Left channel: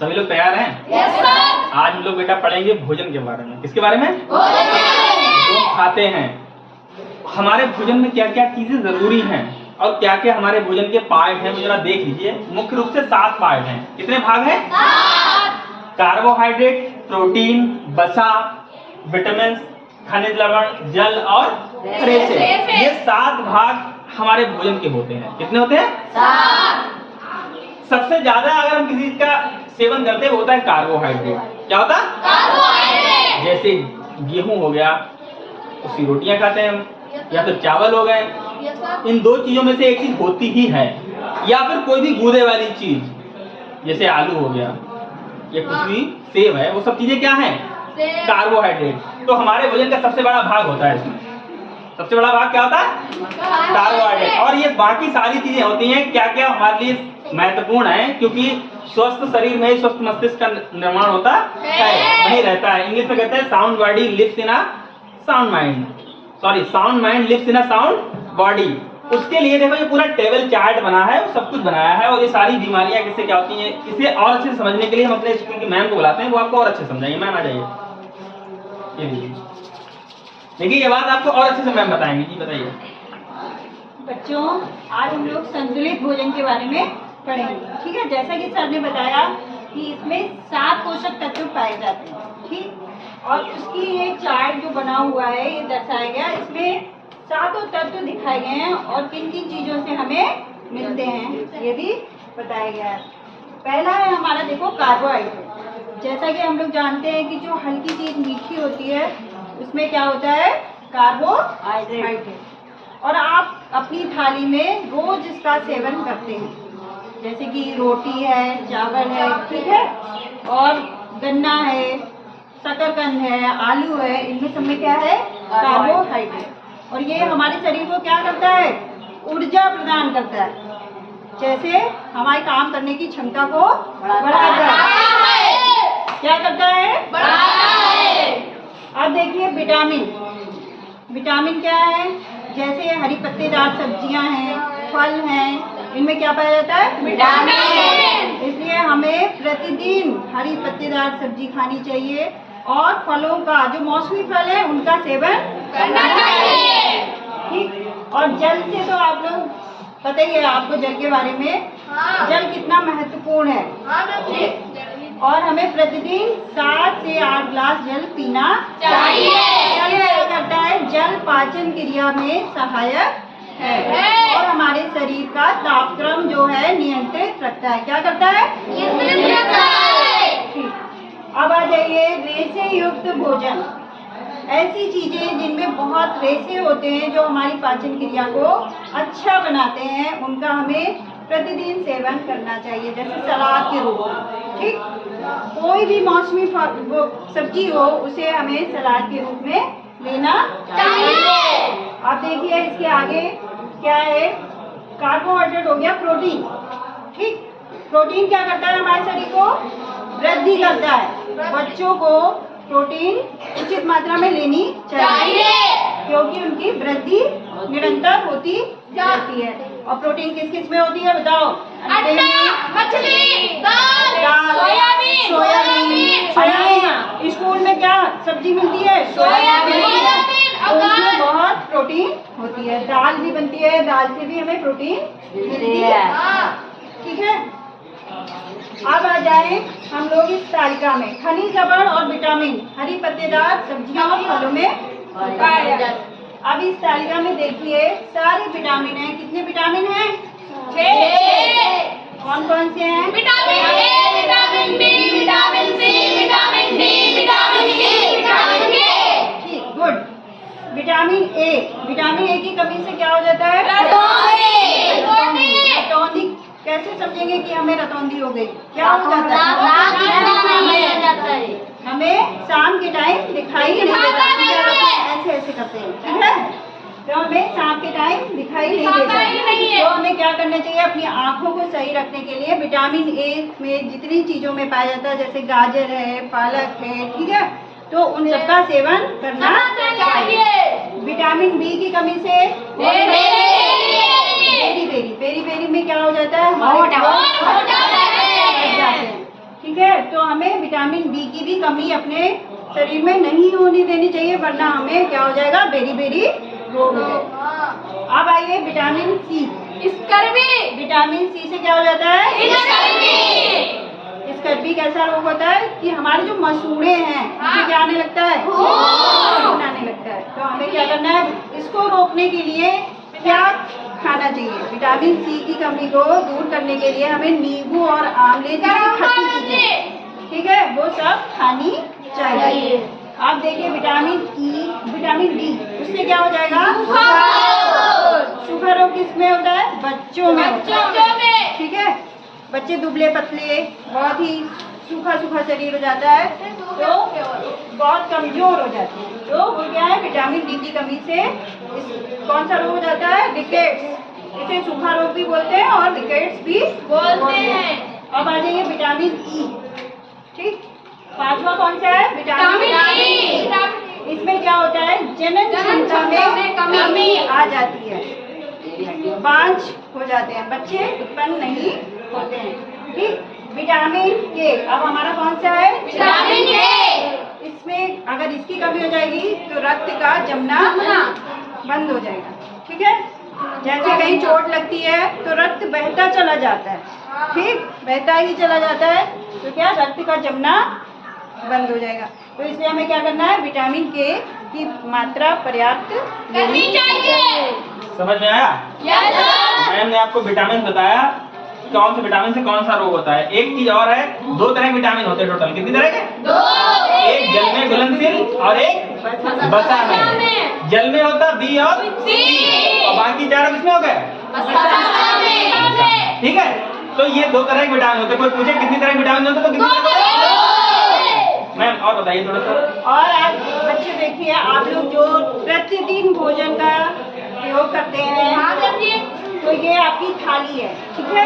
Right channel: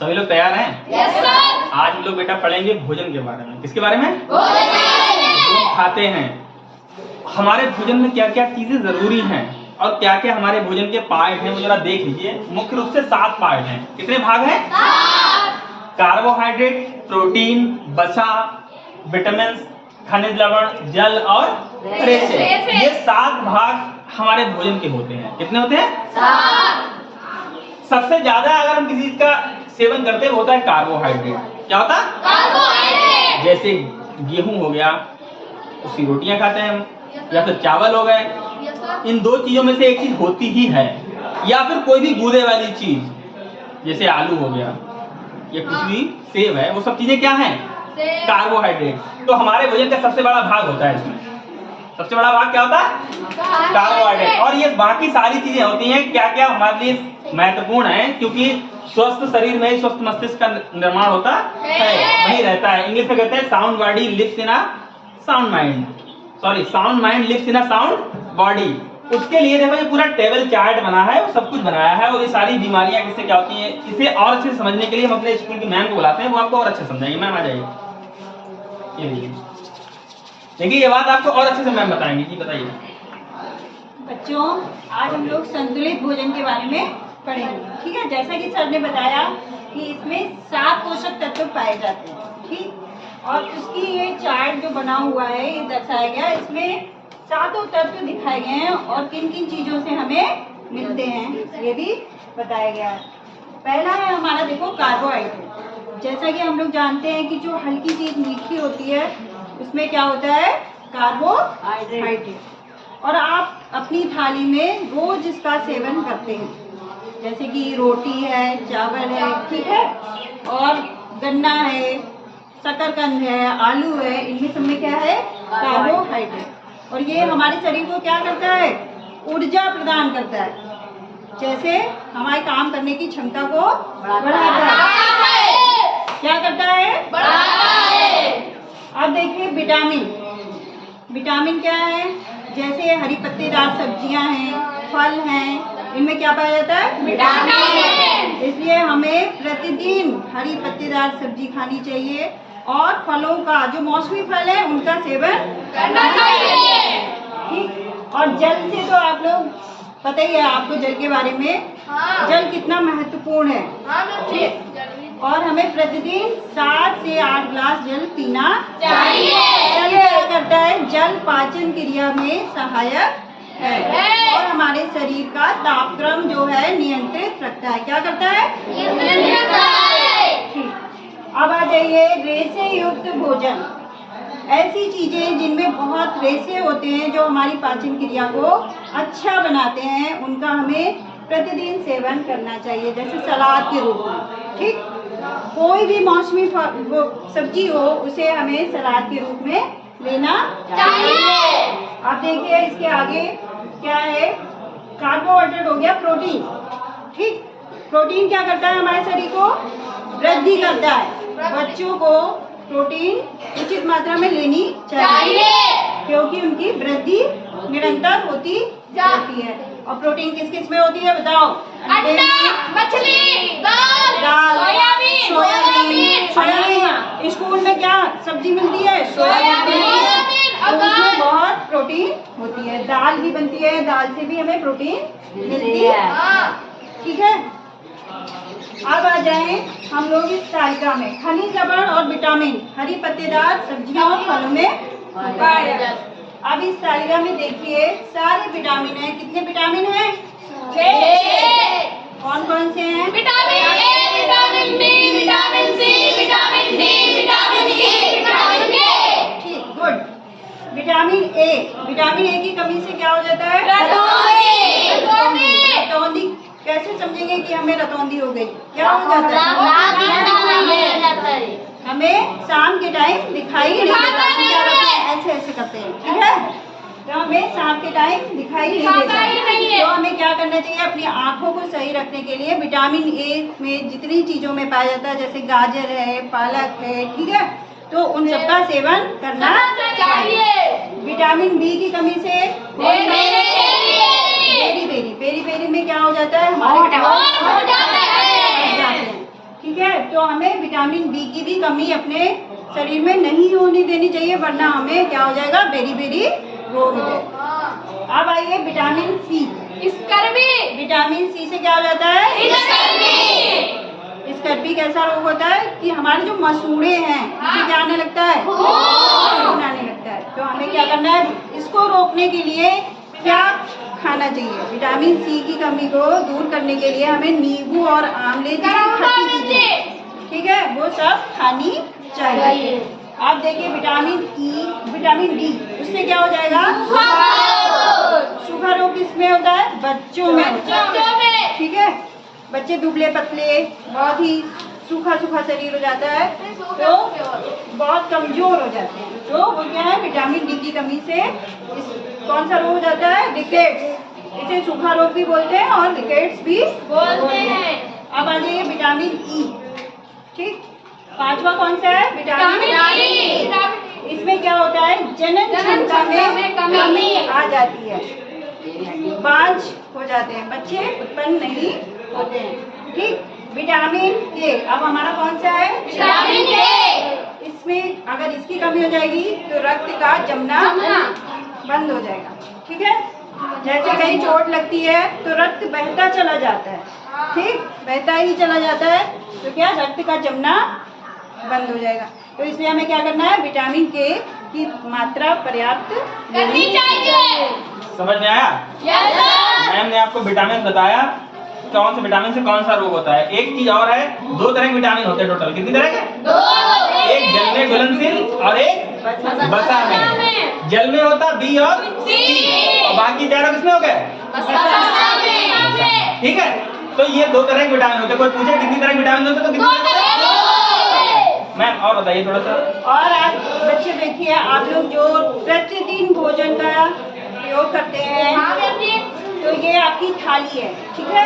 सभी लोग तैयार हैं? Yes sir. आज हम लोग बेटा पढ़ेंगे भोजन के बारे में। किसके बारे में? भोजन। जो हम खाते हैं, हमारे भोजन में क्या क्या चीजें जरूरी हैं और क्या क्या हमारे भोजन के पार्ट हैं, जरा देख लीजिए। मुख्य रूप से 7 पार्ट हैं। कितने भाग हैं? 7। कार्बोहाइड्रेट, प्रोटीन, वसा, विटामिन, खनिज लवण, जल और रेशे। ये 7 भाग हमारे भोजन के होते हैं। कितने होते हैं? 7। सबसे ज्यादा अगर हम किसी चीज का सेवन करते हैं वो होता है कार्बोहाइड्रेट। क्या होता है? कार्बोहाइड्रेट। जैसे गेहूं हो गया, उसकी रोटियां खाते हैं हम, या फिर चावल हो गए। इन 2 चीजों में से एक चीज होती ही है, या फिर कोई भी गूदे वाली चीज जैसे आलू हो गया या कुछ भी, सेब है, वो सब चीजें क्या हैं? कार्बोहाइड्रेट। तो हमारे भोजन का सबसे बड़ा भाग होता है इसमें। सबसे बड़ा भाग क्या होता है? कार्बोहाइड्रेट। और ये बाकी सारी चीजें होती हैं क्या क्या हमारे लिए महत्वपूर्ण है, क्योंकि स्वस्थ शरीर में ही स्वस्थ मस्तिष्क का निर्माण होता है, वही रहता है। इंग्लिश में कहते हैं sound body lives in a sound mind, sorry sound mind lives in a sound body. उसके लिए देखो ये पूरा टेबल चार्ट बना है, वो सब कुछ बनाया है। और ये सारी बीमारियां किससे क्या होती हैं, इसे और अच्छे से समझने के लिए हम अपने स्कूल की मैम को बुलाते हैं, वो आपको और अच्छे से समझाएंगे। मैम आ जाइए। देखिए ये बात आपको और अच्छे से मैम बताएंगे। जी बताइए। बच्चों, आज हम लोग संतुलित भोजन के बारे में पढ़ेंगे। ठीक है, जैसा कि सर ने बताया कि इसमें 7 पोषक तत्व पाए जाते हैं। ठीक, और उसकी ये चार्ट जो बना हुआ है, ये दर्शाया गया, इसमें 7 तत्व दिखाए गए हैं और किन किन चीजों से हमें मिलते हैं ये भी बताया गया है। पहला है हमारा, देखो, कार्बोहाइड्रेट। जैसा कि हम लोग जानते हैं कि जो हल्की चीज मीठी होती है उसमें क्या होता है? कार्बोहाइड्रेट। और आप अपनी थाली में रोज इसका सेवन करते हैं, जैसे कि रोटी है, चावल है, ठीक है, और गन्ना है, शकरकंद है, आलू है, इनमें सब में क्या है? कार्बोहाइड्रेट। और ये हमारे शरीर को क्या करता है? ऊर्जा प्रदान करता है, जैसे हमारे काम करने की क्षमता को बढ़ाता है। क्या करता है? बढ़ाता है। अब देखिए विटामिन। विटामिन क्या है? जैसे हरी पत्तेदार सब्जियां हैं, फल हैं, इनमें क्या पाया जाता है? विटामिन। इसलिए हमें प्रतिदिन हरी पत्तेदार सब्जी खानी चाहिए और फलों का, जो मौसमी फल है, उनका सेवन करना चाहिए। ठीक। और जल से तो आप लोग पता ही है आपको जल के बारे में। जल कितना महत्वपूर्ण है। और हमें प्रतिदिन 7 से 8 ग्लास जल पीना चाहिए। जल क्या करता है? जल पाचन क्रिया में सहायक है और हमारे शरीर का तापक्रम जो है नियंत्रित रखता है। क्या करता है? नियंत्रित रखता है। ठीक। अब आ जाइए, रेशे युक्त भोजन। ऐसी चीजें जिनमें बहुत रेशे होते हैं, जो हमारी पाचन क्रिया को अच्छा बनाते हैं, उनका हमें प्रतिदिन सेवन करना चाहिए, जैसे सलाद के रूप में। ठीक, कोई भी मौसमी सब्जी हो, उसे हमें सलाद के रूप में लेना चाहिए। अब देखिए इसके आगे क्या है? कार्बोहाइड्रेट हो गया, प्रोटीन। ठीक, प्रोटीन क्या करता है? हमारे शरीर को वृद्धि करता है। बच्चों को प्रोटीन उचित मात्रा में लेनी चाहिए, क्योंकि उनकी वृद्धि निरंतर होती जाती है। और प्रोटीन किस किस में होती है बताओ? अंडे, मछली, दाल, सोयाबीन। स्कूल में क्या सब्जी मिलती है? सोयाबीन। उसमें बहुत प्रोटीन होती है। दाल भी बनती है, दाल से भी हमें प्रोटीन मिलती है। ठीक है। अब आ जाए हम लोग इस तालिका में। खनिज लवण और विटामिन हरी पत्तेदार सब्जियों और फलों में होता है। अब इस तालिका में देखिए सारे विटामिन हैं। कितने विटामिन हैं? 6। कौन कौन से हैं? Vitamin A, vitamin B, vitamin C, vitamin D, vitamin E, vitamin K. ठीक, good. Vitamin A. Vitamin A की कमी से क्या हो जाता है? रतौंधी। कैसे समझेंगे कि हमें रतौंधी हो गई? क्या हो जाता है? हमें शाम के टाइम दिखाई नहीं देता। ऐसे ऐसे करते हैं, ठीक है? तो हमें शाम के टाइम दिखाई नहीं देता। तो हमें क्या करना चाहिए? अपनी आंखों को सही रखने के लिए विटामिन ए में जितनी चीजों में पाया जाता है, जैसे गाजर है, पालक है, ठीक है, तो उन सबका सेवन करना चाहिए। विटामिन बी की कमी से पेरी पेरी में क्या हो जाता है? हमारे जाते हैं, ठीक है। तो हमें विटामिन डी की भी कमी अपने शरीर में नहीं होने देनी चाहिए, वरना हमें क्या हो जाएगा, बेरी बेरी रोग हो जाएगा। अब आइए विटामिन सी। विटामिन सी से क्या हो जाता है, स्कर्वी कैसा रोग होता है कि हमारे जो मसूड़े हैं उसे क्या आने लगता है, खून आने लगता है। तो हमें क्या करना है, इसको रोकने के लिए क्या खाना चाहिए, विटामिन सी की कमी को दूर करने के लिए हमें नींबू और आंवले की खट्टी चीजें, ठीक है, वो सब खानी चाहिए। आप देखिए विटामिन ई, विटामिन डी, उससे क्या हो जाएगा, सूखा रोग किसमें होता है, बच्चों में होता है, ठीक है। बच्चे दुबले पतले, बहुत ही सूखा सूखा शरीर हो जाता है, तो बहुत कमजोर हो जाते हैं। तो वो क्या है, विटामिन डी की कमी से कौन सा रोग हो जाता है, रिकेट्स। इसे सूखा रोग भी बोलते हैं और रिकेट्स भी बोलते हैं। अब आ जाइए विटामिन ई, ठीक। पांचवा कौन सा है, विटामिन डी। इसमें क्या होता है, जनन क्षमता में कमी आ जाती है, बांझ हो जाते हैं, बच्चे उत्पन्न नहीं होते हैं, ठीक। विटामिन के, अब हमारा कौन सा है, विटामिन के। इसमें अगर इसकी कमी हो जाएगी तो रक्त का जमना बंद हो जाएगा, ठीक है। जैसे कहीं चोट लगती है तो रक्त बहता चला जाता है, ठीक, बहता ही चला जाता है, तो क्या रक्त का जमना बंद हो जाएगा। तो इसलिए हमें क्या करना है, विटामिन के की मात्रा पर्याप्त करनी चाहिए। समझ में आया? मैम ने आपको विटामिन बताया, कौन से विटामिन से कौन सा रोग होता है। एक चीज और है, 2 तरह के विटामिन होते हैं टोटल, कितनी तरह के, 2। एक जल में घुलनशील और एक वसा में। जल में होता बी और सी, और बाकी चारों किसमें हो गए, ठीक है। तो ये 2 तरह के विटामिन होते हैं। कोई पूछे कितनी तरह के विटामिन होते हैं, तो कितनी मैम और बताइए थोड़ा सा। और आप बच्चे देखिए, आप लोग जो प्रतिदिन भोजन का प्रयोग करते हैं, तो ये आपकी थाली है, ठीक है,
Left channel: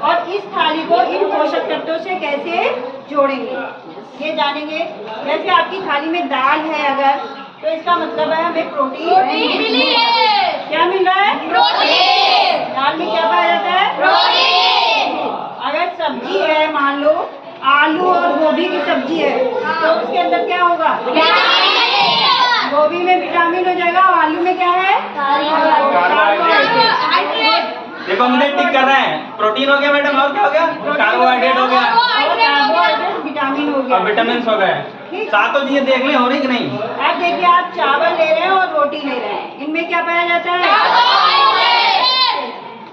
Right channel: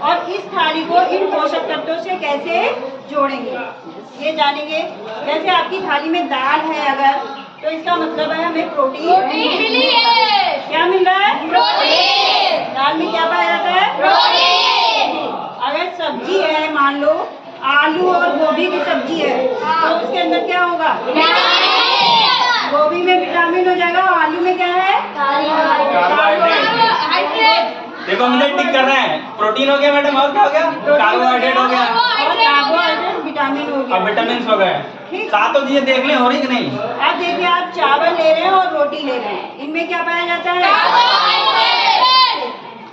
और इस थाली को इन पोषक तत्वों से कैसे जोड़ेंगे ये जानेंगे। जैसे आपकी थाली में दाल है अगर, तो इसका मतलब है हमें प्रोटीन मिली है। क्या मिल रहा है, प्रोटीन। दाल में क्या पाया जाता है, प्रोटीन। अगर सब्जी है, मान लो आलू और गोभी की सब्जी है, तो उसके अंदर क्या होगा, गोभी में विटामिन हो जाएगा, और आलू में क्या है, देखो मुझे टिक कर रहे हैं, प्रोटीन हो गया मैडम, और क्या हो गया, कार्बोहाइड्रेट हो गया, और कार्बोहाइड्रेट विटामिन हो गया, और विटामिन हो गए। सातों चीजें देखने हो रही कि नहीं। अब देखिए, आप चावल ले रहे हैं और रोटी ले रहे हैं, इनमें क्या पाया जाता है,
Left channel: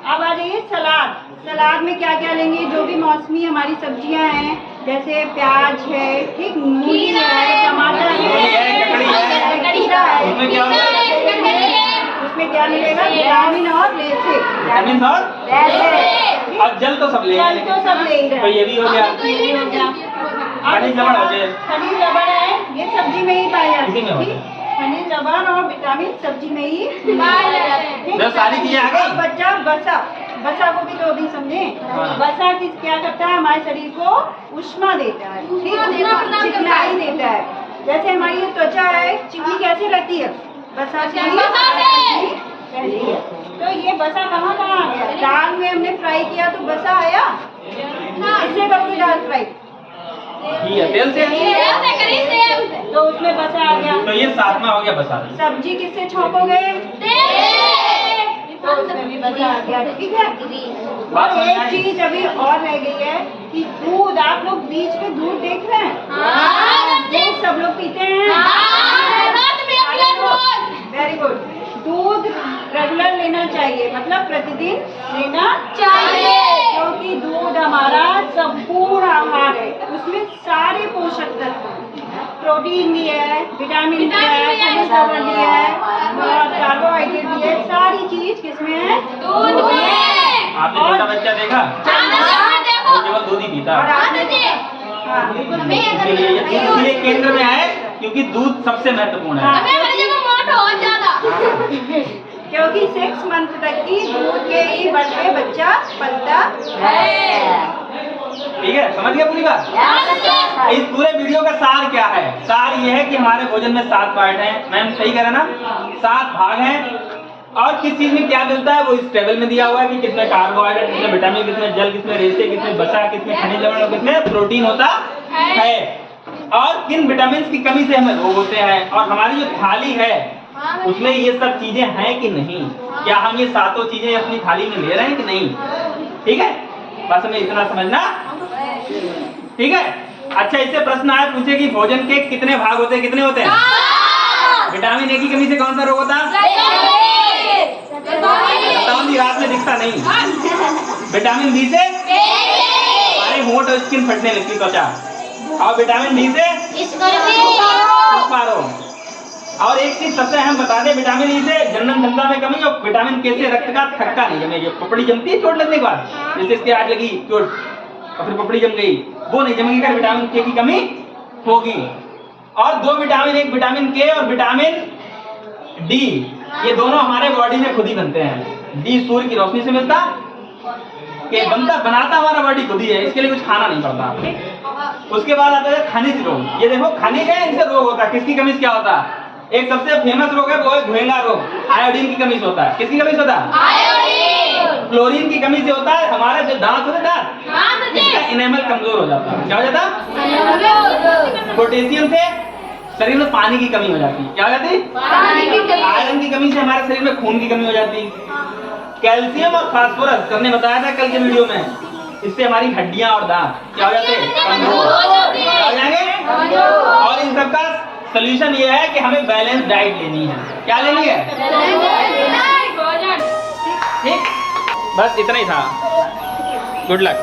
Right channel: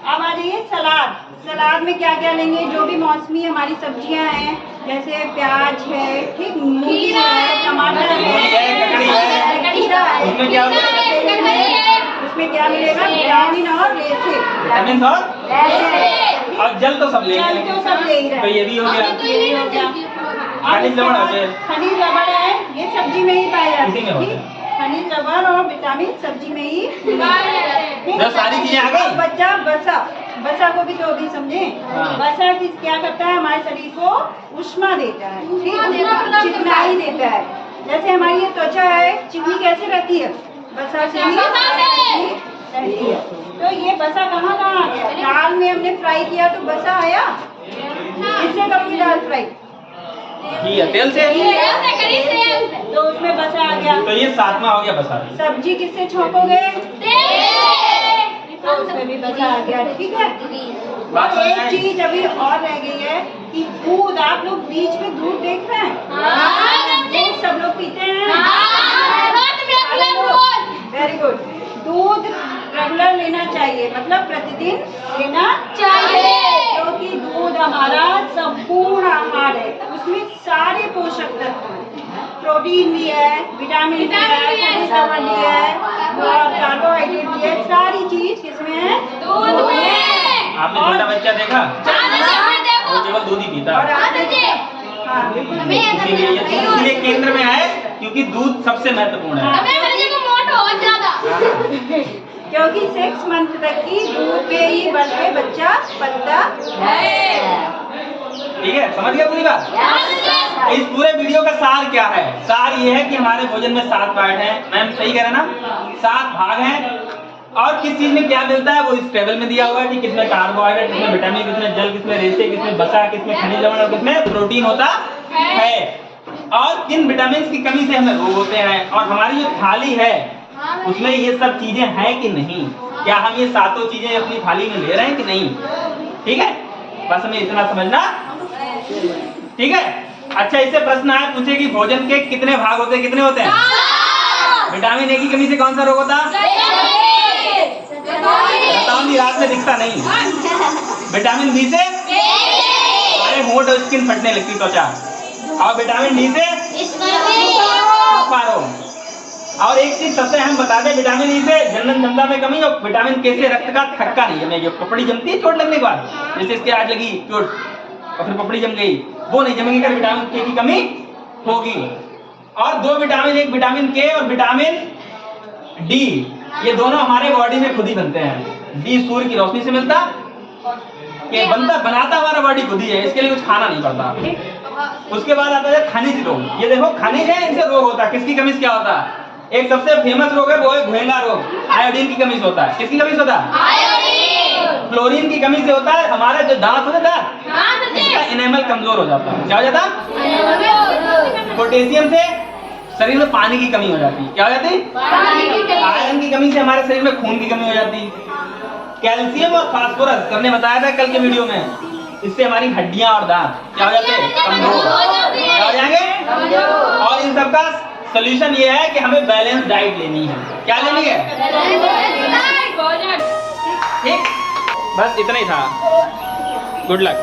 अब आ जाइए सलाद। सलाद में क्या क्या लेंगे, जो भी मौसमी हमारी सब्जियां हैं, जैसे प्याज है, ठीक, मूली है, टमाटर है, खीरा है, उसमें क्या उसमें क्या मिलेगा, विटामिन और विटामिन और जल तो सब ले जल तो सब ले ही रहे हैं। तो ये भी हो गया, ये भी हो गया। खनिज लवण होते हैं, खनिज लवण है, ये सब्जी में ही पाए जाते इसी में होते हैं, हैं। खनिज लवण और विटामिन सब्जी में ही पाए जाते हैं। जो सारी चीजें आ गई। बच्चा वसा, वसा को भी तो अभी समझे। हाँ। वसा किस क्या करता है, हमारे शरीर को उष्मा देता है, ठीक, चिकनाई देता है। जैसे हमारी ये त्वचा है, चिकनी कैसे रहती है, वसा से ही रहती है। तो ये वसा कहाँ कहाँ आ गया, दाल में हमने फ्राई किया तो वसा आया, इससे कभी दाल फ्राई ठीक है, तेल से, तो उसमें वसा आ गया। तो ये 7वां हो गया बसा। सब्जी किससे छोंकोगे, तो उसमें भी वसा आ गया, ठीक है। बात और समझ एक आई? चीज अभी और रह गई है कि दूध, आप लोग बीच में दूध देख रहे हैं, दूध सब लोग पीते हैं, वेरी गुड। दूध रेगुलर लेना चाहिए, मतलब प्रतिदिन लेना चाहिए, क्योंकि दूध हमारा संपूर्ण आहार है, उसमें सारे पोषक तत्व हैं, प्रोटीन भी है, विटामिन भी है, खनिज लवण भी है, और कार्बोहाइड्रेट भी है, सारी चीज किसमें है, दूध में। आपने छोटा बच्चा देखा, वो केवल दूध ही पीता और है। आपने, हाँ बिल्कुल, इसीलिए केंद्र में है, क्योंकि दूध सबसे महत्वपूर्ण है। क्योंकि 6 मंथ तक की दूध के ही बल पे बच्चा पलता है। ठीक है, समझ गया पूरी बात। इस पूरे वीडियो का सार क्या है, सार ये है कि हमारे भोजन में 7 पार्ट हैं, मैम सही कह रहे ना, 7 भाग हैं, और किस चीज में क्या मिलता है वो इस टेबल में दिया हुआ है कि किसमें कार्बोहाइड्रेट, किसमें विटामिन, किसमें जल, किसमें रेशे, किसमें वसा, किसमें खनिज लवण और किसमें प्रोटीन होता है और किन विटामिन की कमी से हमें रोग होते हैं, और हमारी जो थाली है उसमें ये सब चीजें हैं कि नहीं, क्या हम ये सातों चीजें अपनी थाली में ले रहे हैं कि नहीं। ठीक है, बस हमें इतना समझना। ठीक है, अच्छा इससे प्रश्न आया पूछे कि भोजन के कितने भाग होते हैं, कितने होते हैं? विटामिन ए की कमी से कौन सा रोग होता है? बताओ जी, रात में दिखता नहीं। विटामिन बी से हमारे होंठ और स्किन फटने लगती, त्वचा। और विटामिन डी से रोग। और एक चीज सबसे अहम बता दें, विटामिन ई से जनन क्षमता में कमी, और विटामिन के से रक्त का थक्का नहीं जमेगी। पपड़ी जमती है चोट लगने के बाद, जैसे इसके आज लगी चोट और फिर पपड़ी जम गई, वो नहीं जमेगी अगर विटामिन के की कमी होगी। और दो विटामिन, एक विटामिन के और विटामिन डी, ये दोनों हमारे बॉडी में खुद ही बनते हैं। डी सूर्य की रोशनी से मिलता, के बनाता हमारा बॉडी खुद ही है, इसके लिए कुछ खाना नहीं पड़ता। उसके बाद आता है खनिज रोग। ये देखो खनिज है, इनसे रोग होता है। किसकी कमी से क्या होता है? एक सबसे फेमस रोग है, वो है घुएंगा रोग। आयोडीन की कमी से होता है। किसकी कमी से होता है? आयोडीन। फ्लोरीन की कमी से होता है। हमारे जो दांत होते हैं, इसका इनेमल कमजोर हो जाता है। क्या हो जाता है? पोटेशियम से शरीर में पानी की कमी हो जाती है। क्या हो जाती है? आयरन की कमी से हमारे शरीर में खून की कमी हो जाती है। कैल्शियम और फास्फोरस, हमने बताया था कल के वीडियो में, इससे हमारी हड्डियां और दांत क्या हो जाते हैं? कमजोर। क्या हो जाएंगे? और इन सब का सोल्यूशन ये है कि हमें बैलेंस डाइट लेनी है। क्या लेनी है? ठीक, बस इतना ही था। Good luck.